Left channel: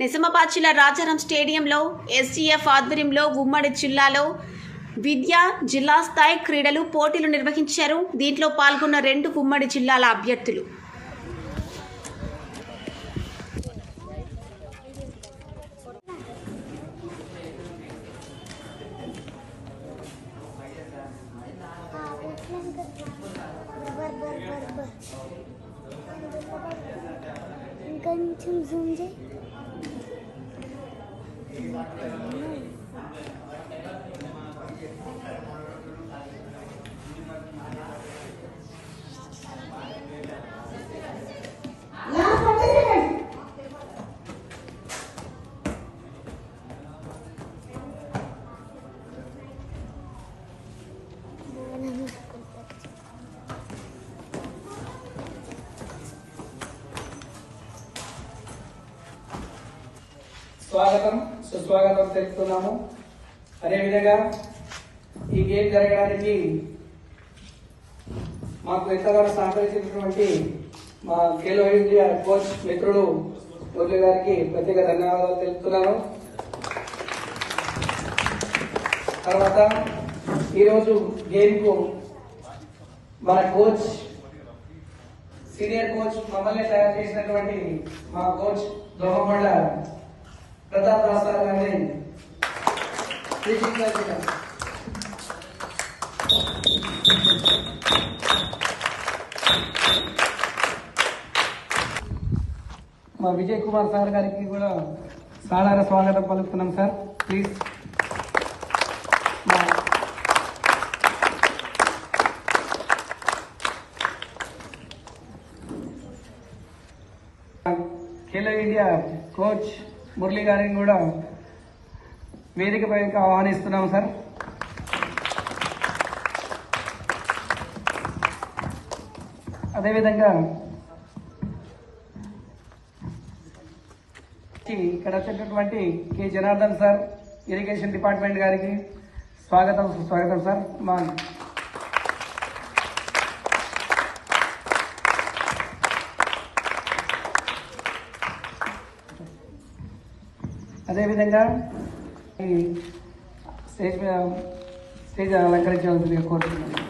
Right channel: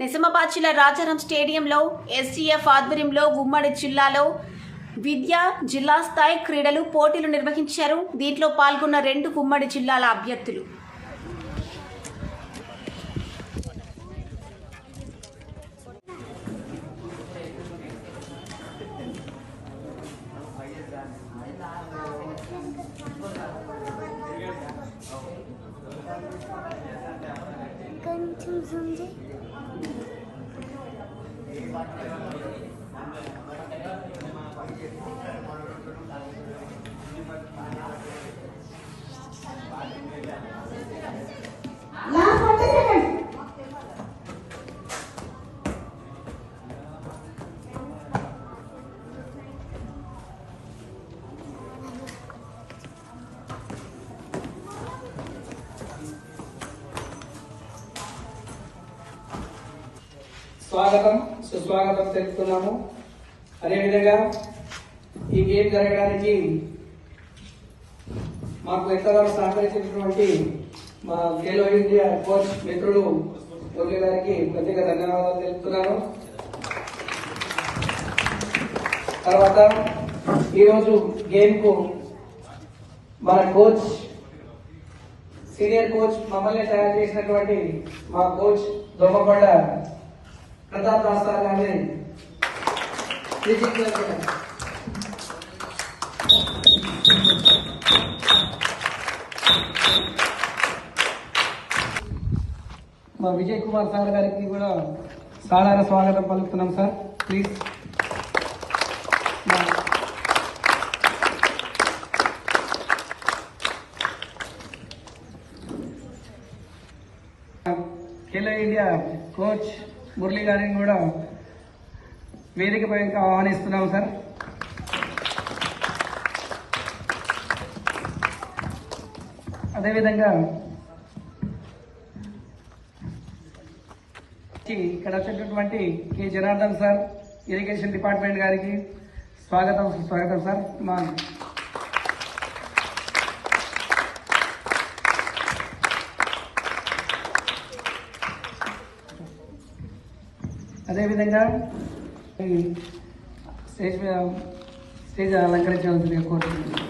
నిజామాబాద్ జిల్లా రాజారాం స్టేడియంలో ఎస్సీఎఫ్ ఆధ్వర్యంలో ఉమ్మడి జిల్లాలో విద్యా జిల్లా స్థాయి క్రీడలు పోటీలు నిర్వహించారు. దీంట్లో పాల్గొన్న రెండు ఉమ్మడి జిల్లాల అభ్యర్థులు. కొంచెం like that. స్వాగతం సుస్వాగతం తెలుపుతున్నాము. అదేవిధంగా ఈ గేమ్ జరగడానికి మాకు ఎంతగానో సహకరించినటువంటి మా ఖేలో ఇండియా కోచ్ మిత్రుడు మురళి గారికి ప్రత్యేక ధన్యవాదాలు తెలుపుతున్నాను తర్వాత ఈరోజు గేమ్కు మన కోచ్ సీనియర్ కోచ్ మమ్మల్ని తయారు చేసినటువంటి మా కోచ్ దోమకొండ ప్రతాప్ దాస్ సార్ గారిని సూచించాల్సిన మా విజయ్ కుమార్ సార్ గారికి కూడా సాధారణ స్వాగతం పలుకుతున్నాం సార్. ప్లీజ్ మా ఖేలో ఇండియా కోచ్ మురళి గారిని కూడా వేదిక పైకి ఆహ్వానిస్తున్నాం సార్. అదేవిధంగా ఇక్కడ వచ్చేటటువంటి K. Janardhan sir irrigation department గారికి స్వాగతం సుస్వాగతం సార్. మా అదేవిధంగా ఈ స్టేజ్ మీద స్టేజ్ అలంకరించవలసిందిగా కోరుతున్నాను.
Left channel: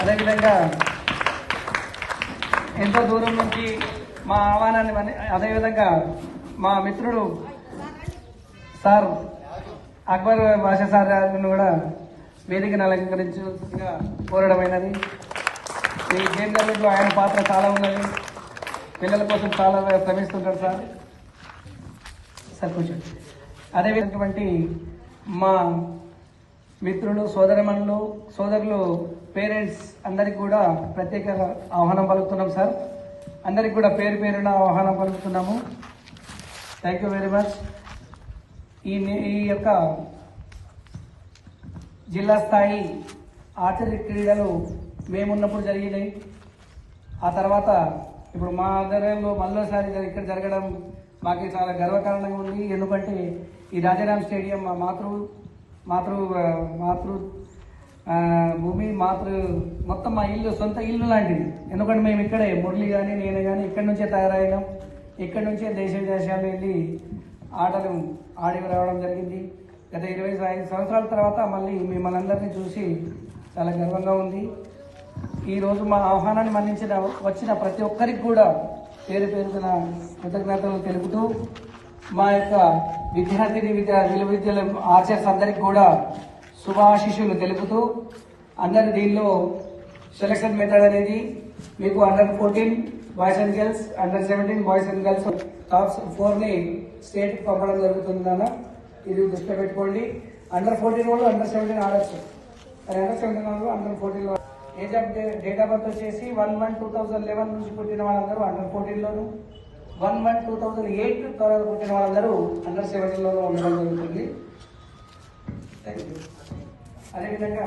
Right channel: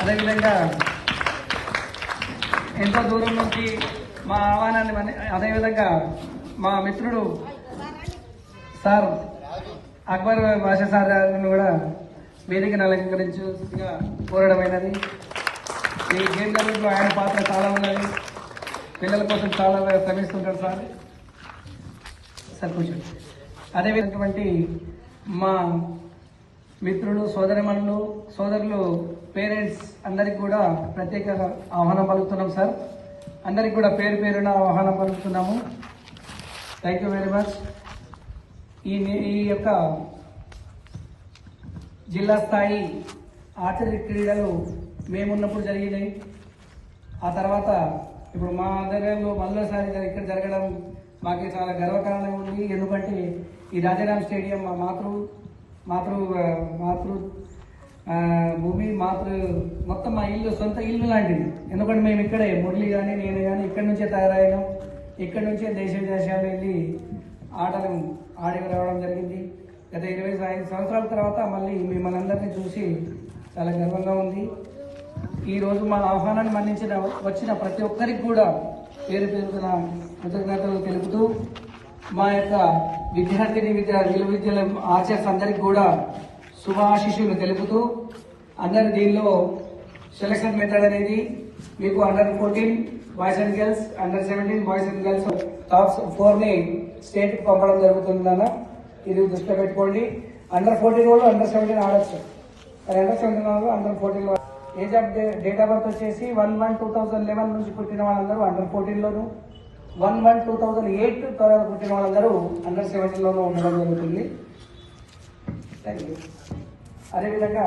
అదేవిధంగా ఎంత దూరం నుంచి మా ఆహ్వానాన్ని అదేవిధంగా మా మిత్రుడు సార్ అక్బర్ భాష సార్ గారిని కూడా వేదికను అలంకరించుగా కోరడమైనది. ఈ గేమ్ ఆయన పాత్ర చాలా ఉన్నది. పిల్లల కోసం చాలా శ్రమిస్తుంటారు సార్. సార్ కూర్చోండి. అదేవిధమైనటువంటి మా మిత్రులు సోదరిమణులు సోదరులు పేరెంట్స్ అందరికి కూడా ప్రత్యేక ఆహ్వానం పలుకుతున్నాం సార్. అందరికి కూడా పేరు పేరున ఆహ్వానం పలుకుతున్నాము. థ్యాంక్ యూ వెరీ మచ్ ఈ ఈ యొక్క జిల్లా స్థాయి ఆర్చరీ క్రీడలు మేమున్నప్పుడు జరిగినాయి. ఆ తర్వాత ఇప్పుడు మా ఆధ్వర్యంలో మళ్ళీసారి ఇక్కడ జరగడం మాకు చాలా గర్వకారణంగా ఉంది. ఎందుకంటే ఈ రాజారాం స్టేడియం మా మాతృ మాతృ మాతృ భూమి మాతృ మొత్తం మా ఇల్లు సొంత ఇల్లు లాంటిది. ఎందుకంటే మేము ఇక్కడే మురళి కానీ నేను కానీ ఇక్కడి నుంచే తయారయ్యాం. ఇక్కడి నుంచే దేశ విదేశాలు వెళ్ళి ఆటలు ఆడి రావడం జరిగింది. గత ఇరవై ఐదు సంవత్సరాల తర్వాత మళ్ళీ మిమ్మల్ని అందరినీ చూసి చాలా గర్వంగా ఉంది. ఈ రోజు మా ఆహ్వానాన్ని మన్నించిన వచ్చిన ప్రతి ఒక్కరికి కూడా పేరు పేరున కృతజ్ఞతలు తెలుపుతూ మా యొక్క విద్యార్థిని విద్యా విలువ విద్యల ఆర్చర్స్ అందరికి కూడా శుభాశిష్యులు తెలుపుతూ అందరి దీనిలో సెలక్షన్ మెథడ్ అనేది మీకు under fourteen boys and girls under seventeen boys and girls top ఫోర్ని state పంపడం జరుగుతుందన్న ఇది దృష్టిలో పెట్టుకోండి. అండర్ ఫోర్టీన్ వాళ్ళు అండర్ సెవెంటీన్ ఆడచ్చు. అండర్ సెవెంటీన్ వాళ్ళు under fourteen age of date of birth వచ్చేసి one one two thousand eleven నుంచి పుట్టిన వాళ్ళందరూ అండర్ ఫోర్టీన్ లోను one one two thousand eight తర్వాత పుట్టిన వాళ్ళందరూ అండర్ సెవెంటీన్ ఉండడం జరుగుతుంది. అదేవిధంగా